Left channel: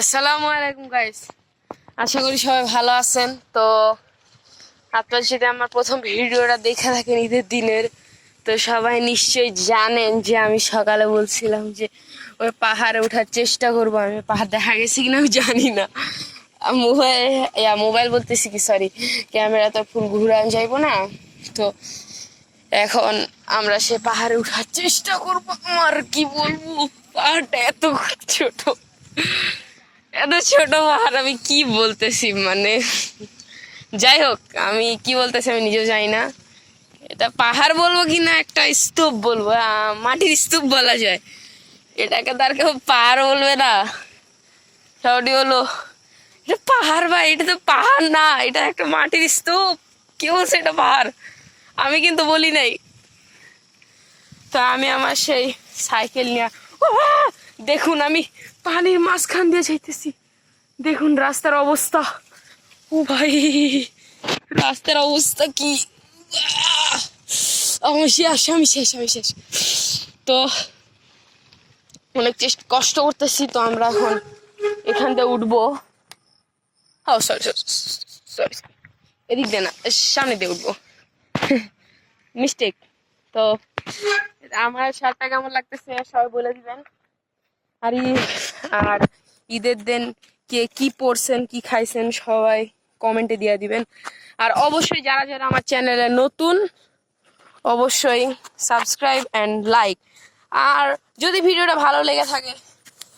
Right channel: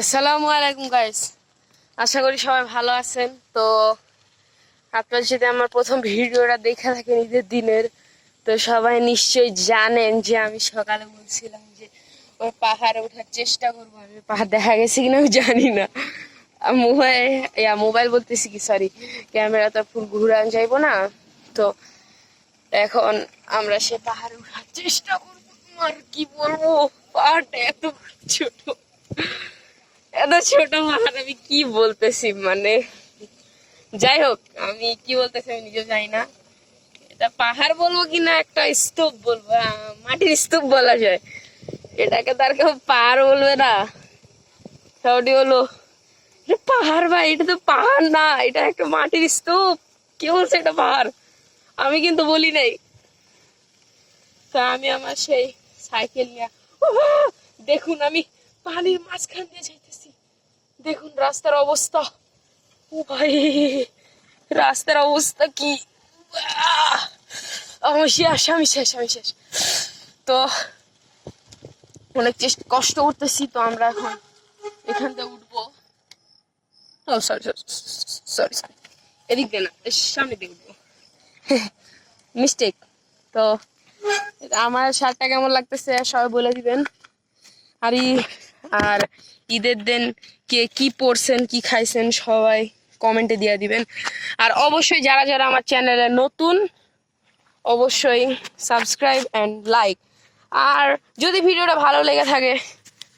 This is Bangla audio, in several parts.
আসসালামু আলাইকুম গাইস, আশা করি সবাই ভালো আছেন। তো আপনার সাথে আমার প্রথম ভিডিওটা দেখে থাকেন ঈদের দিনের, তো সবাই নিশ্চয়ই জানেন যে আমি সকালে বলছিলাম যে ওই পাহাড়ে ওঠার চেষ্টা করবো। আমি পাহাড় দেখা গেছি কিনা আমি জানি না, মোবাইল বলতেছি কি, সরি, ক্যামেরা তো ফুল ঘুরান যাইবো না। তো এখন আমরা সে পাহাড়ে ওঠার চেষ্টা করবো। আমার কি বলবো, পাহাড়টা এত ছোট, এত ছোট পাহাড়, আমি কি বলতেছি, মানে যাই হোক, আমি কি বলতেছি আমি নিজেও জানি না। এটা পাহাড় বলবো কিনা একটা স্তূপ বলবো, মাটির স্তূপ বলা যায়, এটাকে তার কেউ পাহাড় বলবে না। সবটি হলো এটা পাহাড়, ভাই এটা তো পাহাড় না, এটা একটা মাটির স্তূপ। কে বলছে এটা পাহাড়? আমি কিন্তু বলি নাই। তা আমি আমার সেই সাইকেল নিয়ে, দেখুন আমি পানির মাঝখান দিয়ে যাইতেছি, দেখুন রাস্তার অবস্থা। ও ভাই, রাস্তার অবস্থা কি! আমি শেষ। তো অনেক কষ্ট করতেছি। তো আমরা এখন এখান থেকে উঠবো। সরি, এদিক দিয়ে না, সামনে দিয়ে উঠবো, মিস্টেক। তো আমার শার্টটা কেমন লাগতেছে সবাই বলে দিবেন। আর ঈদের দিন কে কি পড়ছেন কি খাইছেন সবাই কমেন্টে দিয়ে দিবেন। আর অবশ্যই যারা যারা আমার চ্যানেলে নতুন, অবশ্যই সাবস্ক্রাইব অ্যান্ড লাইক। আর যদি ভিডিওটা ভালো লেগে থাকে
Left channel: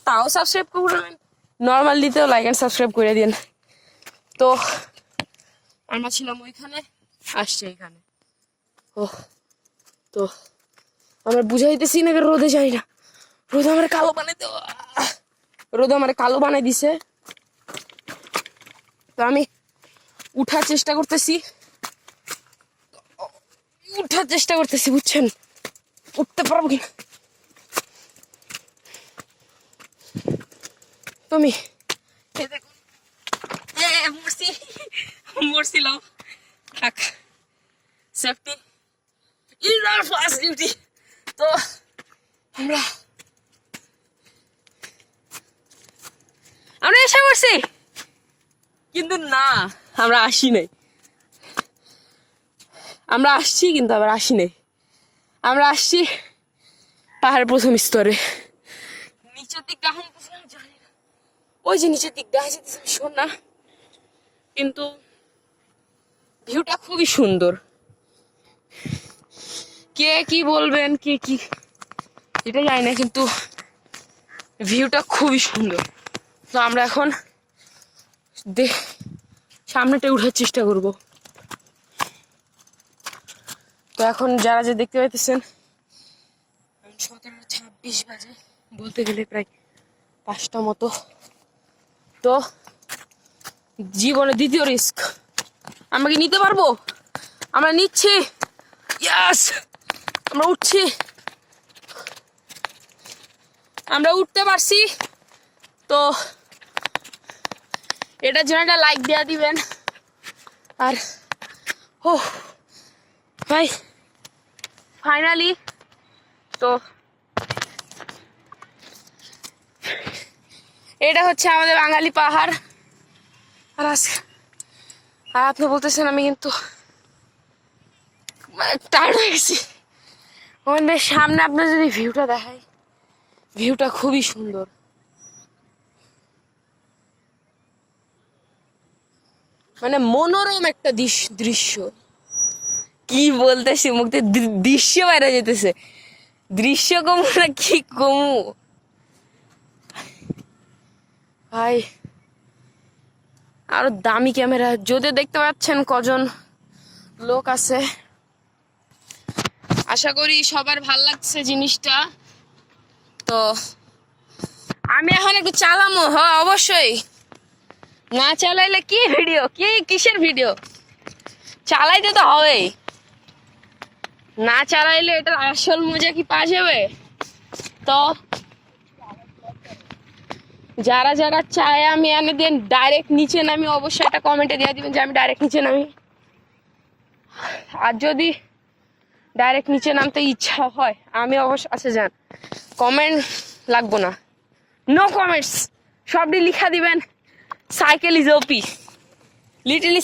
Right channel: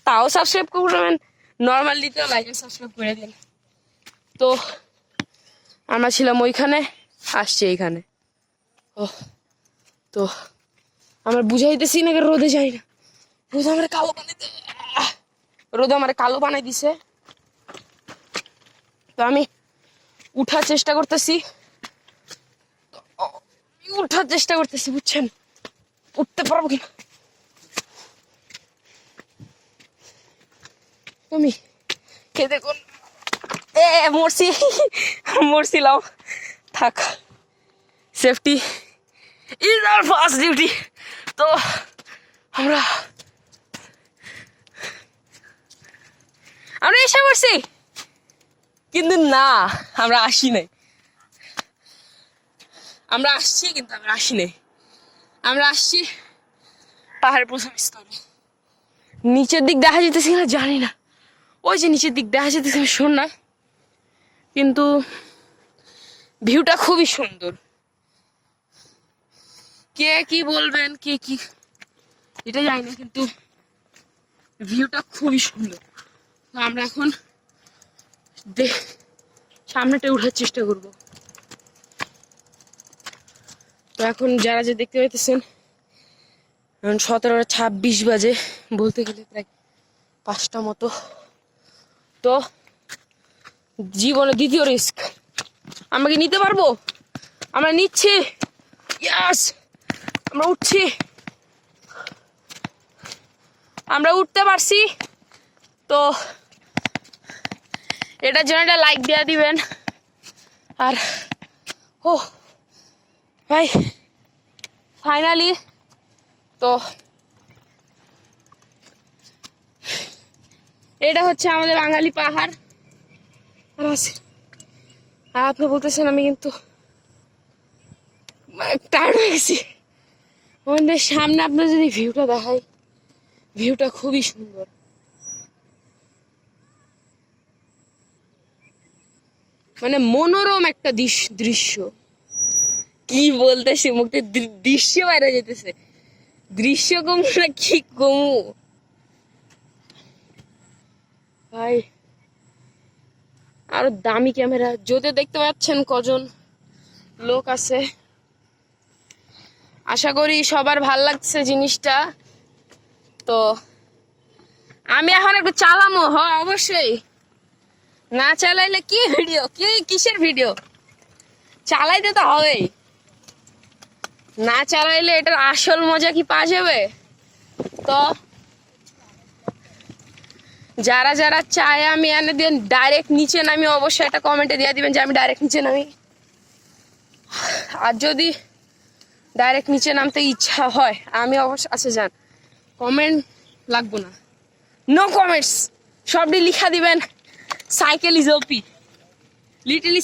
তাও সাবস্ক্রাইব করবেন, নর্মাল দিতেও লাইক অ্যান্ড সাবস্ক্রাইব করে দিন। তো আমরা ছিলাম ওইখানে, আসছি এইখানে। ও তো আমরা বুঝাইতেছি না, রোদে যাই না, রোদ আমার কালো বানাই দিছে। তো আমি উঠার চেষ্টা করতেছি, বুঝছেন, উঠতে পারবো কিনা। তুমি কে দেখুন, মরছিলাম, থাক, safety is our first duty. তো আমরা এসে পড়ছি, কিন্তু না, আমরা আসি নাই। আমরা আসছি কিন্তু আবার আসি নাই। আমরা আসছি পাহাড়ের প্রথম স্তরে। নিচের দিক দেখা যেতেছে কিনা জানি না, ওই যে নিচের দিক দেখা যেতেছে শোন না, কিন্তু ভিউটা খুবই সুন্দর। কে কি বলবেন, কে কি এটা জানি না, কিন্তু ভিউটা খুবই সুন্দর। তো আমরা এখন সামনেটা উঠার চেষ্টা করব। তো এখন যারা যে দেখতে পাইতেছেন, এখন 17:26 বাজে, বলতে গেলে প্রায় 5টা মতো। তো জীবনে দ্বিতীয় রিস্ক, আমরা কি নিতে পারবো? আমরা নিচ্ছি, ইয়াস, আমরা উঠছি, আমরা উঠতে পারছি। তো এটার জন্য একটা লাইক দেওয়া দিবেন। আর ও ভাই, ফাইনালি তো এটা হচ্ছে আমাদের বাঙালি পাহাড়। আর আপনি বলতেছেন আমি কিন্তু টায়ার্ড হয়ে গেছি। আমাদের সামনে আপনার যদি ভিউটা দেখাই, ভিউটা খুবই সুন্দর। মানে মনোরম একটা দৃশ্য, কি বলতেছি, মুখে দৃশ্য বাইরে যেতেছে, দৃশ্য কমু না কি কমু ভাই। আরো দামি ক্যামেরা, যদি দেখতে পাচ্ছেন কজন লোক আছে, আশা করি সবার ভাল লাগছে জিনিসটা। তো আমি এখন একটু চালামো, হ্যাঁ অবশ্যই, না চালাইলে কি ভিডিও, কিসের ভিডিও, চালাইতে তো হবেই, না চালাইলে এটার আসল মজা কি পাওয়া যাবে? তো যারা যারা চায় আমি এনে দিয়ে ডাইরেক্ট নিচে নামি, অবশ্যই একটা কমেন্টে দিয়ে দিবেন যে আমি ডাইরেক্ট নিচে নামি। আর যদি ডাইরেক্ট নিচে নামতে ইচ্ছা হয়, আমি অবশ্য, আচ্ছা যান, কমেন্ট লাগবো না, নো কমেন্টস, সবটি লিখা দিবেন সাইকেল ইজ ওপি লিটলি